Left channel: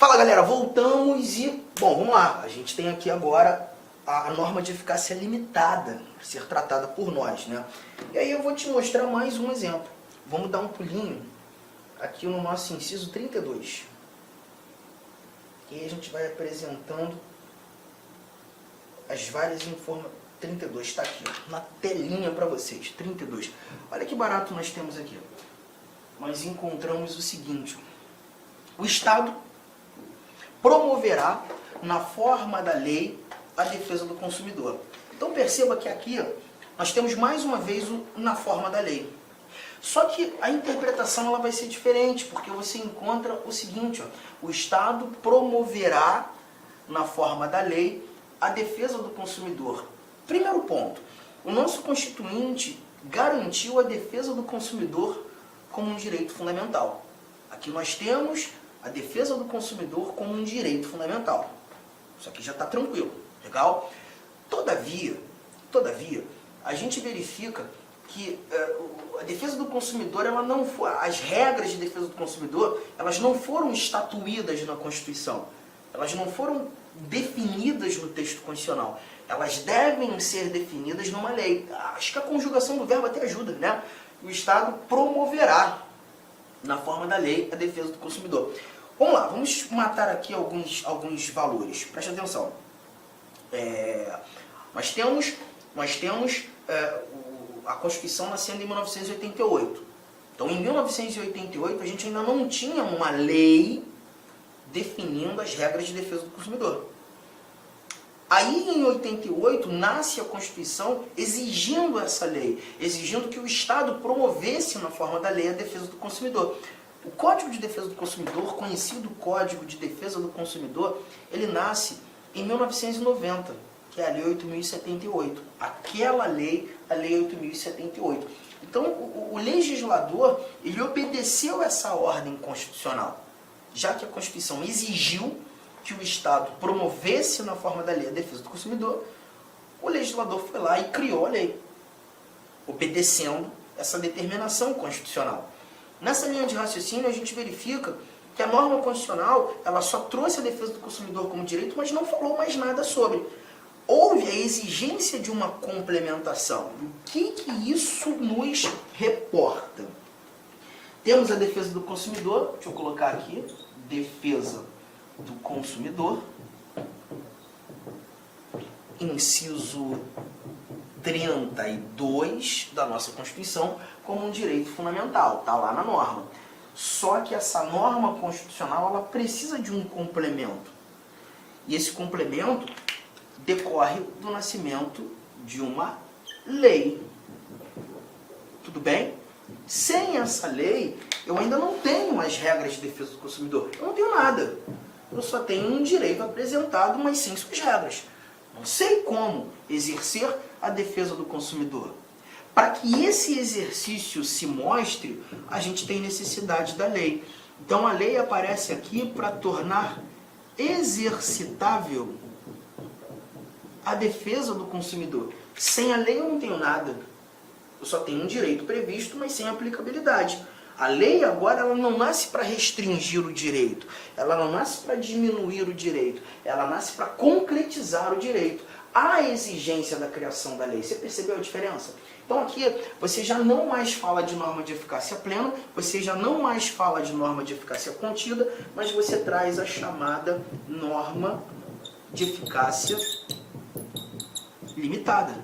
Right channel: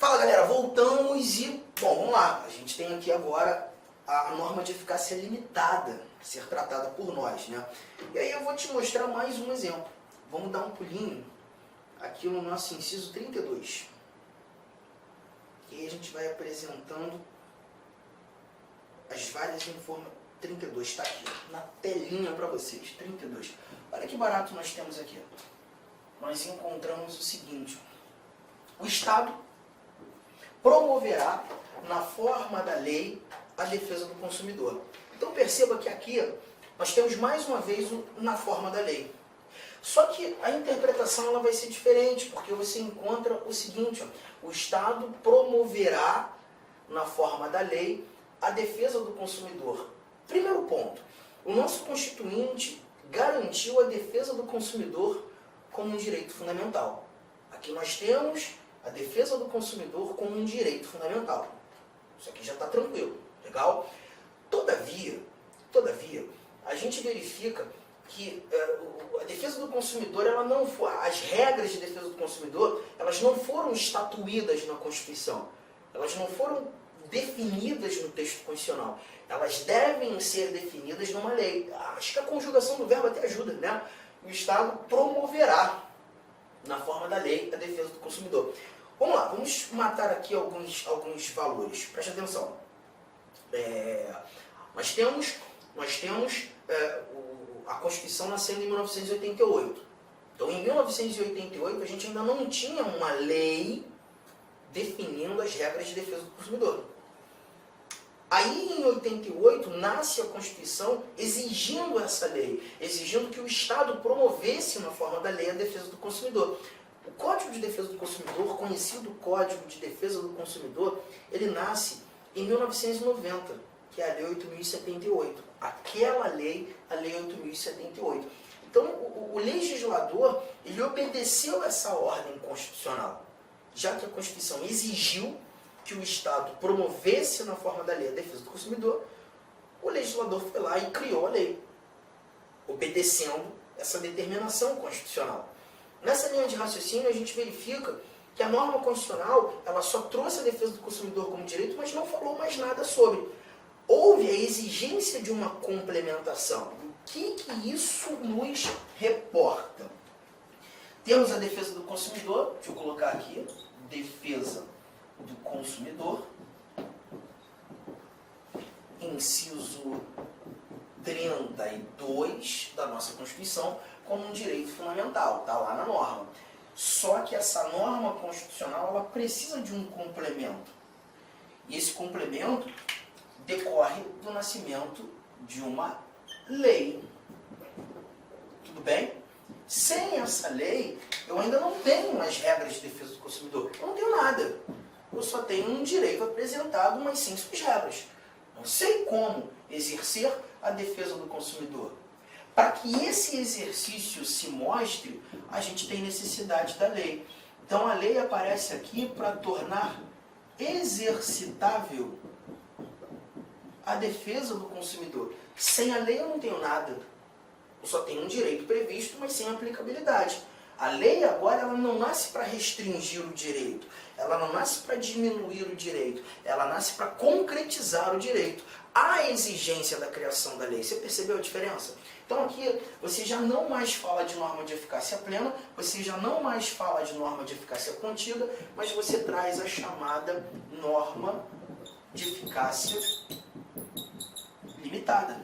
Fala galera, voltamos e, bom, vamos lá. A gente tem aqui agora a norma de eficácia limitada a ser tratada por nós, né? E aí eu vou te mostrar mais um exemplo. Vamos dar um pulinho aqui no nosso inciso 32. E aí a gente vai apresentando as várias informações. 32, está aqui, ó, na telinha para vocês, 32. Olha que barato nós temos aqui. Nós encontramos o seguinte: o Estado promoverá, na forma da lei, a defesa do consumidor. Então perceba que aqui nós temos mais uma vez o na forma da lei. Só que a interpretação ela vai ser diferente, porque você encontra o seguinte: ó, o Estado promoverá, na forma da lei, a defesa do consumidor. Primeiro ponto, o nosso Constituinte garantiu a defesa do consumidor como um direito fundamental. Aqui nós temos a defesa do consumidor como um direito fundamental. Isso aqui já está tranquilo, legal? Todavia, a gente verifica que a defesa do consumidor, ela não foi, as regras de defesa do consumidor, elas não foram estatuídas na Constituição. Elas não foram definidas no texto constitucional. Elas devem ser definidas numa lei. Acho que a conjugação do verbo até ajuda, né? O Estado promoverá, na forma da lei, a defesa do consumidor. Vamos lá, vamos matar aqui alguns valores. Preste atenção. Nós temos a Constituição nascendo em 1988. Então, em 1988, a gente ainda não tinha uma lei definindo as regras de defesa do consumidor. Aí, em 88, nasce a Constituição exigindo essa lei, exigindo que o Estado promovesse, na forma da lei, a defesa do consumidor. O Código de Defesa do Consumidor, conhecido Código de Defesa do Consumidor, ele nasce em 1990, que é a Lei 8.078. Aquela lei, a Lei 8.078. Então, o legislador, ele obedeceu essa ordem constitucional, já que a Constituição exigiu que o Estado promovesse, na forma da lei, a defesa do consumidor, o legislador foi lá e criou a lei, obedecendo essa determinação constitucional. Nessa linha de raciocínio, a gente verifica que a norma constitucional ela só trouxe a defesa do consumidor como direito, mas não falou mais nada sobre. Houve a exigência de uma complementação. O que isso nos reporta? Temos a defesa do consumidor, deixa eu colocar aqui, defesa do consumidor, inciso 32 da nossa Constituição, como um direito fundamental, está lá na norma. Só que essa norma constitucional ela precisa de um complemento. E esse complemento decorre do nascimento de uma lei. Tudo bem? Sem essa lei, eu ainda não tenho as regras de defesa do consumidor. Eu não tenho nada. Eu só tenho um direito apresentado, mas sem suas regras. Não sei como exercer a defesa do consumidor. Para que esse exercício se mostre, a gente tem necessidade da lei. Então a lei aparece aqui para tornar exercitável a defesa do consumidor. Sem a lei eu não tenho nada. Eu só tenho um direito previsto, mas sem aplicabilidade. A lei agora ela não nasce para restringir o direito, ela não nasce para diminuir o direito, ela nasce para concretizar o direito. Há exigência da criação da lei. Você percebeu a diferença? Então aqui você já não mais fala de norma de eficácia plena, você já não mais fala de norma de eficácia contida, mas você traz a chamada norma de eficácia limitada.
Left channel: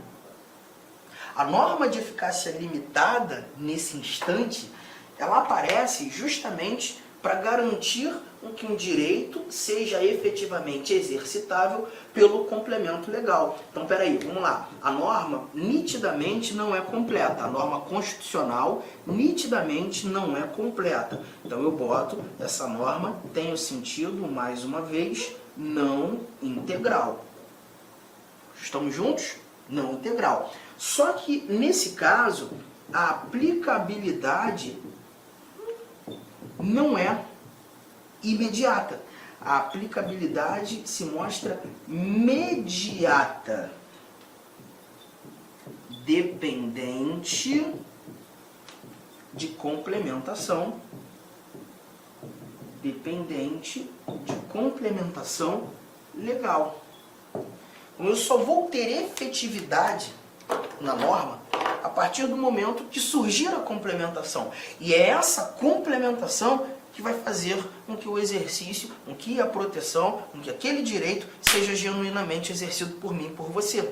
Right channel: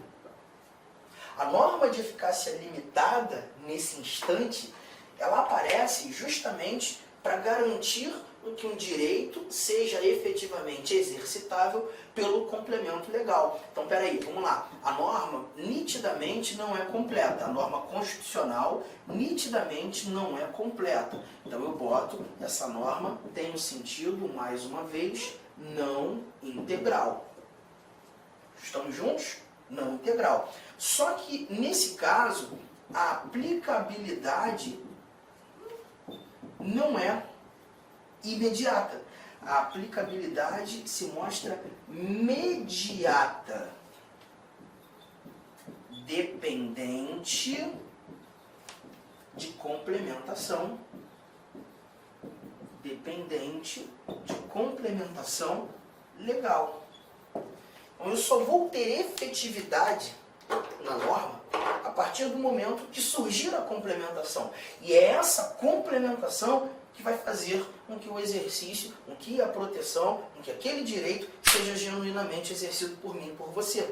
A norma de eficácia limitada, nesse instante, ela aparece justamente para garantir que um direito seja efetivamente exercitável pelo complemento legal. Então, peraí, vamos lá. A norma nitidamente não é completa. A norma constitucional nitidamente não é completa. Então, eu boto essa norma, tem o sentido, mais uma vez, não integral. Estamos juntos? Não integral. Só que, nesse caso, a aplicabilidade não é imediata. A aplicabilidade se mostra mediata, dependente de complementação dependente de complementação legal. Então, eu só vou ter efetividade na norma a partir do momento que surgir a complementação. E é essa complementação que vai fazer com que o exercício, com que a proteção, com que aquele direito seja genuinamente exercido por mim e por você.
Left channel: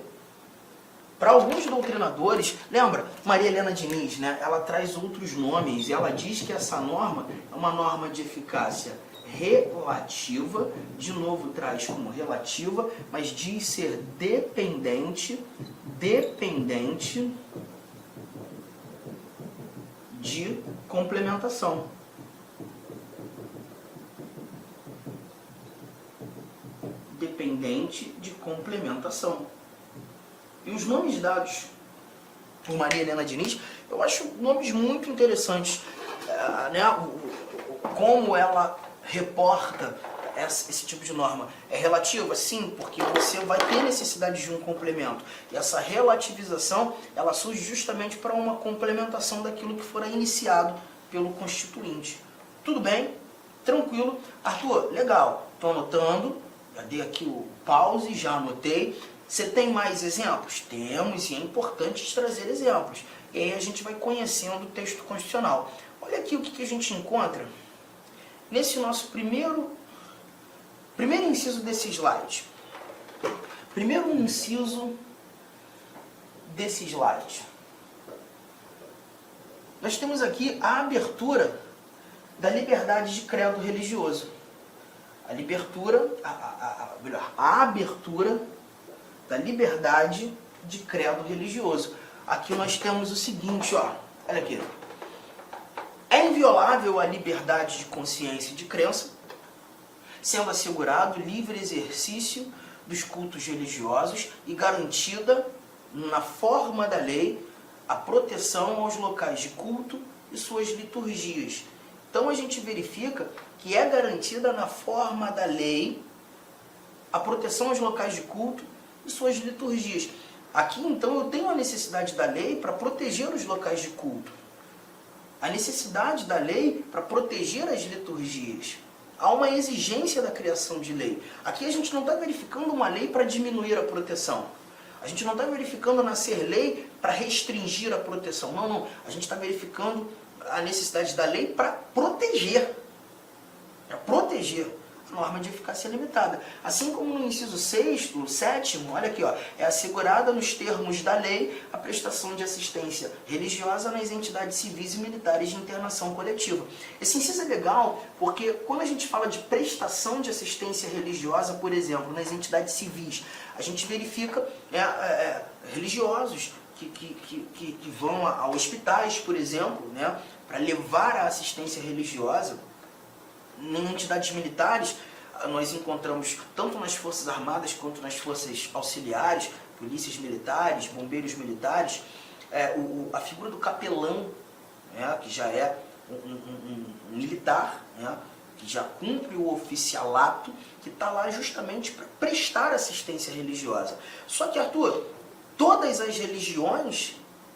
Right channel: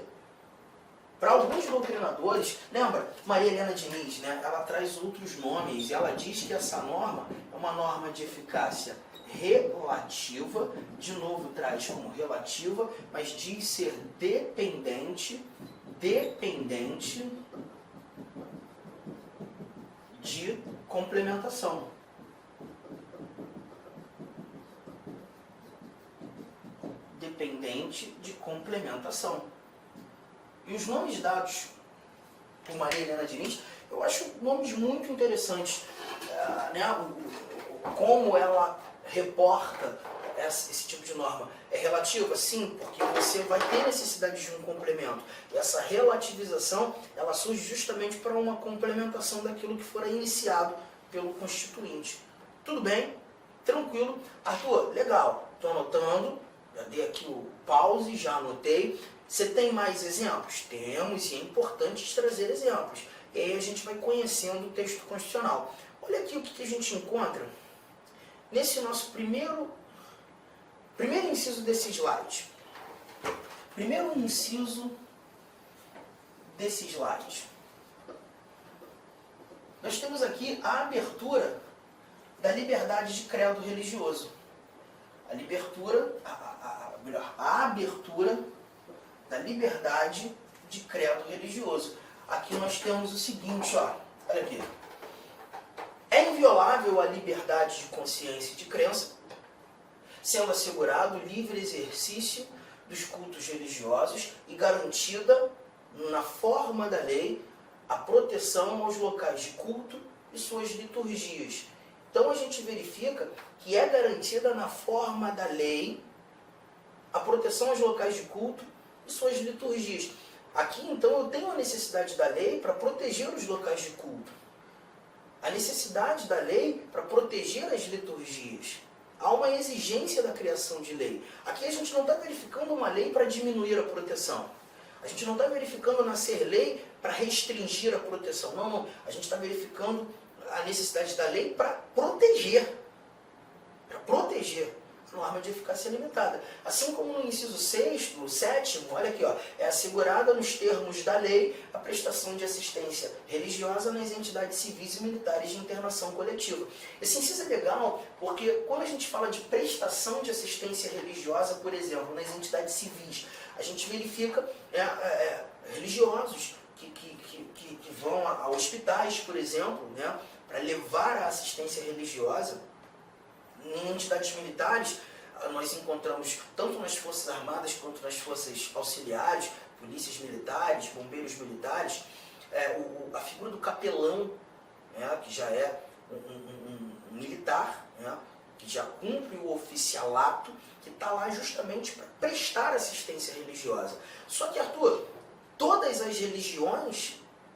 Para alguns doutrinadores, lembra, Maria Helena Diniz, né? Ela traz outros nomes e ela diz que essa norma é uma norma de eficácia relativa, de novo traz como relativa, mas diz ser dependente de complementação. Dependente de complementação. E os nomes dados por Maria Helena Diniz, eu acho nomes muito interessantes, né? Como ela reporta esse tipo de norma. É relativa? Sim, porque você vai ter necessidade de um complemento. E essa relativização, ela surge justamente para uma complementação daquilo que fora iniciado pelo constituinte. Tudo bem? Tranquilo? Arthur, legal. Estou anotando. Já dei aqui o pause, já anotei. Você tem mais exemplos? Temos, e é importante trazer exemplos. E aí a gente vai conhecendo o texto constitucional. Olha aqui o que a gente encontra nesse nosso primeiro inciso desse slide. Primeiro inciso desse slide. Nós temos aqui a abertura da liberdade de credo religioso. A abertura da liberdade de credo religioso. Aqui nós temos o seguinte, ó, olha aqui. É inviolável a liberdade de consciência e de crença, sendo assegurado o livre exercício dos cultos religiosos e garantida, na forma da lei, a proteção aos locais de culto e suas liturgias. Então a gente verifica que é garantida na forma da lei a proteção aos locais de culto e suas liturgias. Aqui, então, eu tenho a necessidade da lei para proteger os locais de culto. A necessidade da lei para proteger as liturgias. Há uma exigência da criação de lei. Aqui a gente não está verificando uma lei para diminuir a proteção. A gente não está verificando nascer lei para restringir a proteção. Não, não. A gente está verificando a necessidade da lei para proteger. Para proteger. Norma de eficácia limitada. Assim como no inciso 6º, 7º, olha aqui, ó, é assegurada nos termos da lei a prestação de assistência religiosa nas entidades civis e militares de internação coletiva. Esse inciso é legal porque quando a gente fala de prestação de assistência religiosa, por exemplo, nas entidades civis, a gente verifica religiosos que vão a hospitais, por exemplo, né, para levar a assistência religiosa. Em entidades militares, nós encontramos, tanto nas Forças Armadas quanto nas Forças Auxiliares, polícias militares, bombeiros militares, a figura do capelão, né, que já é um militar, né, que já cumpre o oficialato, que está lá justamente para prestar assistência religiosa. Só que, Arthur, todas as religiões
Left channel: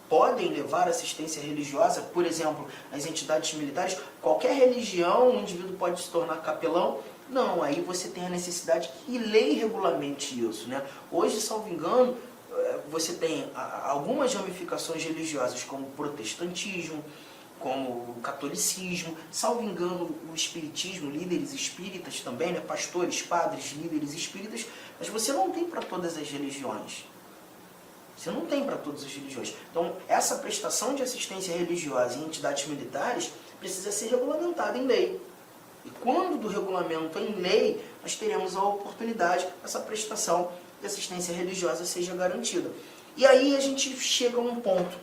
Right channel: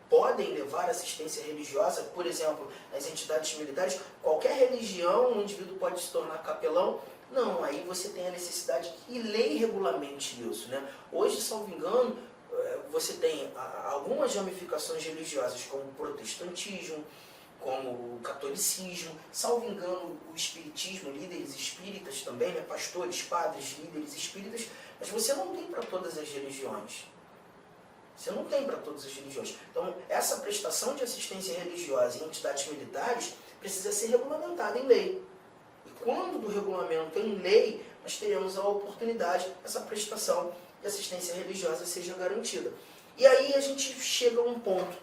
podem levar assistência religiosa, por exemplo, nas entidades militares. Qualquer religião, um indivíduo pode se tornar capelão? Não, aí você tem a necessidade que lei regulamente isso, né? Hoje, salvo engano, você tem algumas ramificações religiosas, como o protestantismo, como o catolicismo, salvo engano, o espiritismo, líderes espíritas também, né? Pastores, padres, líderes espíritas, mas você não tem para todas as religiões. Você não tem para todas as religiões. Então, essa prestação de assistência religiosa em entidades militares precisa ser regulamentada em lei. E quando do regulamento em lei, nós teremos a oportunidade que essa prestação de assistência religiosa seja garantida. E aí a gente chega a um ponto.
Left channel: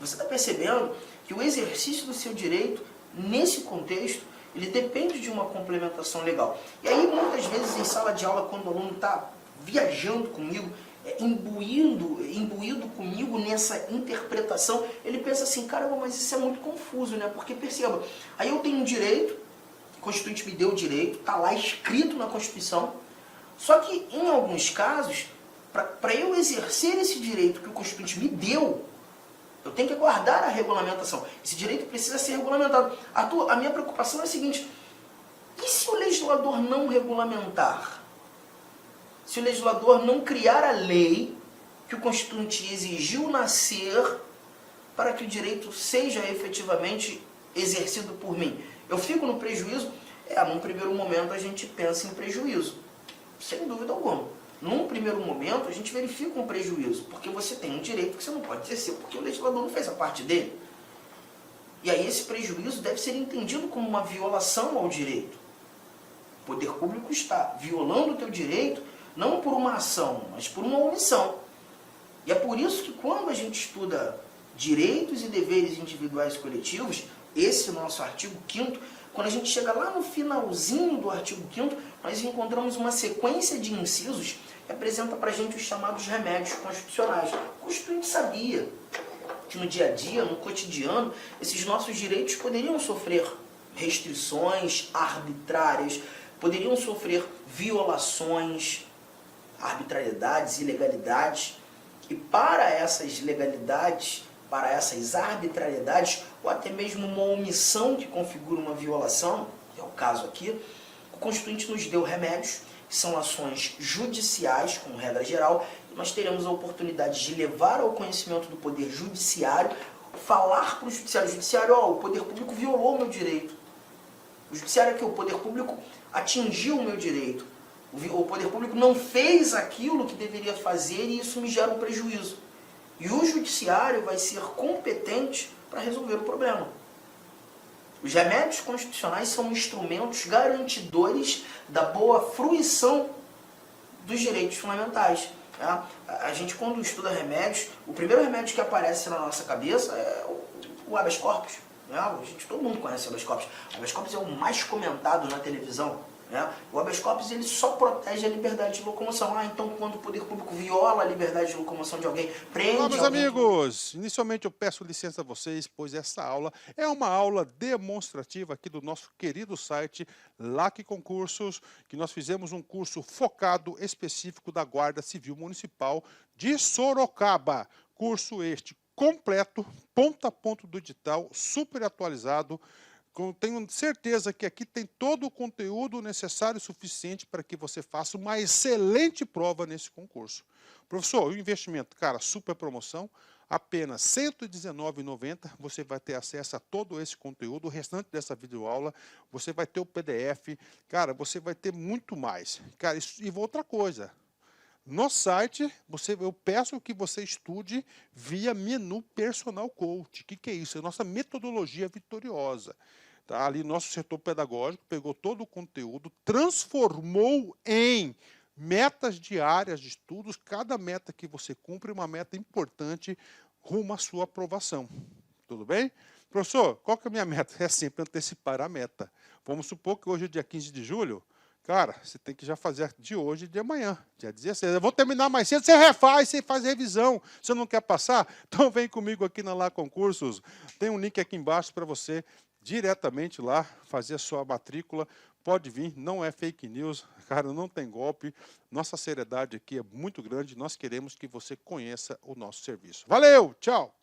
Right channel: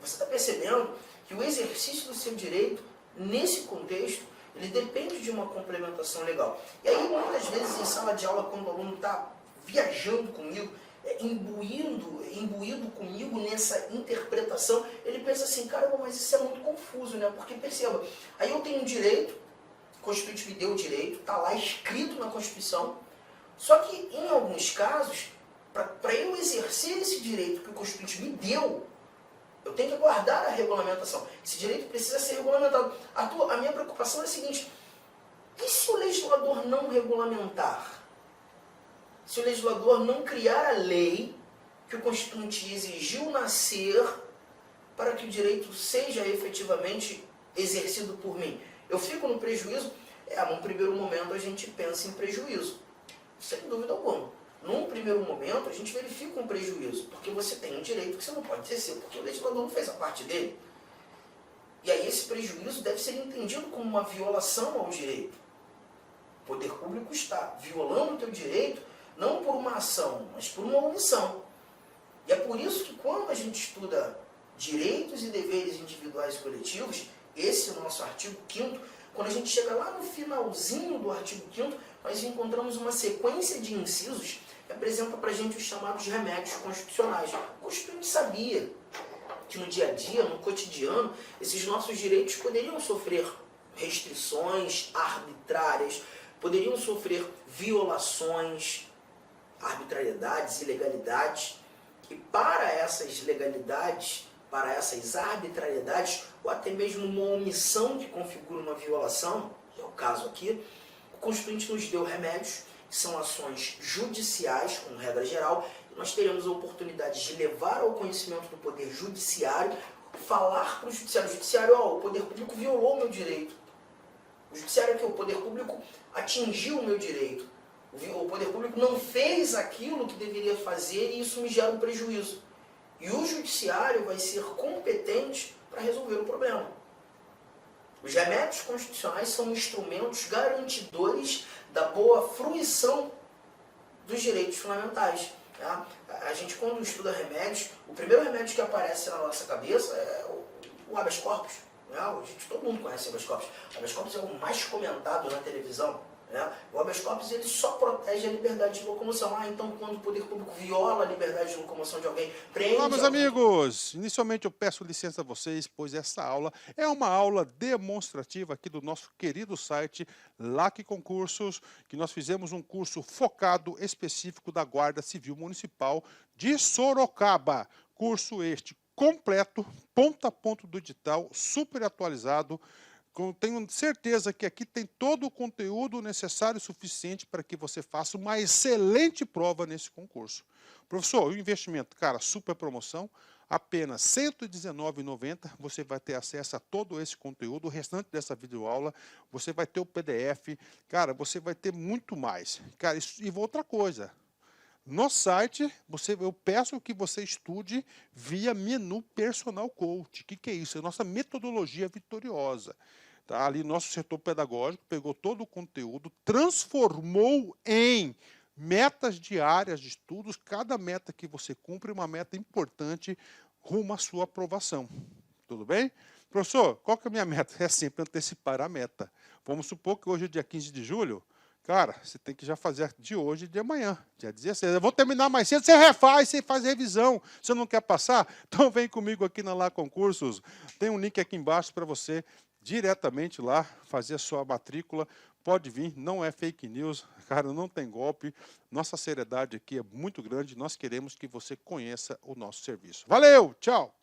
Você está percebendo que o exercício do seu direito, nesse contexto, ele depende de uma complementação legal. E aí, muitas vezes, em sala de aula, quando o aluno está viajando comigo, imbuído comigo nessa interpretação, ele pensa assim, caramba, mas isso é muito confuso, né? Porque perceba, aí eu tenho um direito, o Constituinte me deu o direito, está lá escrito na Constituição, só que em alguns casos, para eu exercer esse direito que o Constituinte me deu, eu tenho que aguardar a regulamentação. Esse direito precisa ser regulamentado. Arthur, a minha preocupação é a seguinte, E se o legislador não regulamentar? Se o legislador não criar a lei que o Constituinte exigiu nascer para que o direito seja efetivamente exercido por mim? Eu fico no prejuízo? Num primeiro momento a gente pensa em prejuízo, sem dúvida alguma. Num primeiro momento a gente verifica um prejuízo, porque você tem um direito que você não pode exercer, porque o legislador não fez a parte dele. E aí esse prejuízo deve ser entendido como uma violação ao direito. O poder público está violando o teu direito, não por uma ação, mas por uma omissão. E é por isso que quando a gente estuda direitos e deveres individuais e coletivos, esse nosso artigo 5º, quando a gente chega lá no finalzinho do artigo 5º, nós encontramos uma sequência de incisos que apresenta para a gente os chamados remédios constitucionais. O Constituinte sabia que no dia a dia, no cotidiano, esses nossos direitos poderiam sofrer restrições arbitrárias, poderiam sofrer violações, arbitrariedades, ilegalidades. E para essas legalidades, para essas arbitrariedades, ou até mesmo uma omissão que configura uma violação, que é o caso aqui, o Constituinte nos deu remédios, que são ações judiciais, como regra geral, e nós teremos a oportunidade de levar ao conhecimento do Poder Judiciário, falar para o Judiciário, o Poder Público violou o meu direito. O Judiciário é que o Poder Público atingiu o meu direito. O Poder Público não fez aquilo que deveria fazer e isso me gera um prejuízo. E o Judiciário vai ser competente para resolver o problema. Os remédios constitucionais são instrumentos garantidores da boa fruição dos direitos fundamentais. Tá? A gente, quando estuda remédios, o primeiro remédio que aparece na nossa cabeça é o habeas corpus. Né? Todo mundo conhece o habeas corpus. O habeas corpus é o mais comentado na televisão. Né? O habeas corpus ele só protege a liberdade de locomoção. Então, quando o poder público viola a liberdade de locomoção de alguém, prende Olá, meus alguém... amigos! Inicialmente eu peço licença a vocês, pois essa aula é uma aula demonstrativa aqui do nosso querido site LAC Concursos, que nós fizemos um curso focado específico da Guarda Civil Municipal de Sorocaba. Curso este completo, ponto a ponto do edital, super atualizado. Tenho certeza que aqui tem todo o conteúdo necessário e suficiente para que você faça uma excelente prova nesse concurso. Professor, o investimento, cara, super promoção, apenas R$ 119,90, você vai ter acesso a todo esse conteúdo, o restante dessa videoaula, você vai ter o PDF, cara, você vai ter muito mais. Cara, e outra coisa, no site, eu peço que você estude via menu Personal Coach. O que é isso? É a nossa metodologia vitoriosa. Tá? Ali, nosso setor pedagógico pegou todo o conteúdo, transformou em metas diárias de estudos. Cada meta que você cumpre é uma meta importante rumo à sua aprovação. Tudo bem? Professor, qual que é a minha meta? É sempre antecipar a meta. Vamos supor que hoje é dia 15 de julho. Cara, você tem que já fazer de hoje e de amanhã, dia 16. Eu vou terminar mais cedo, você refaz, você faz revisão. Você não quer passar? Então vem comigo aqui na LAC Concursos. Tem um link aqui embaixo para você diretamente lá fazer a sua matrícula. Pode vir, não é fake news, cara, não tem golpe. Nossa seriedade aqui é muito grande. Nós queremos que você conheça o nosso serviço. Valeu, tchau!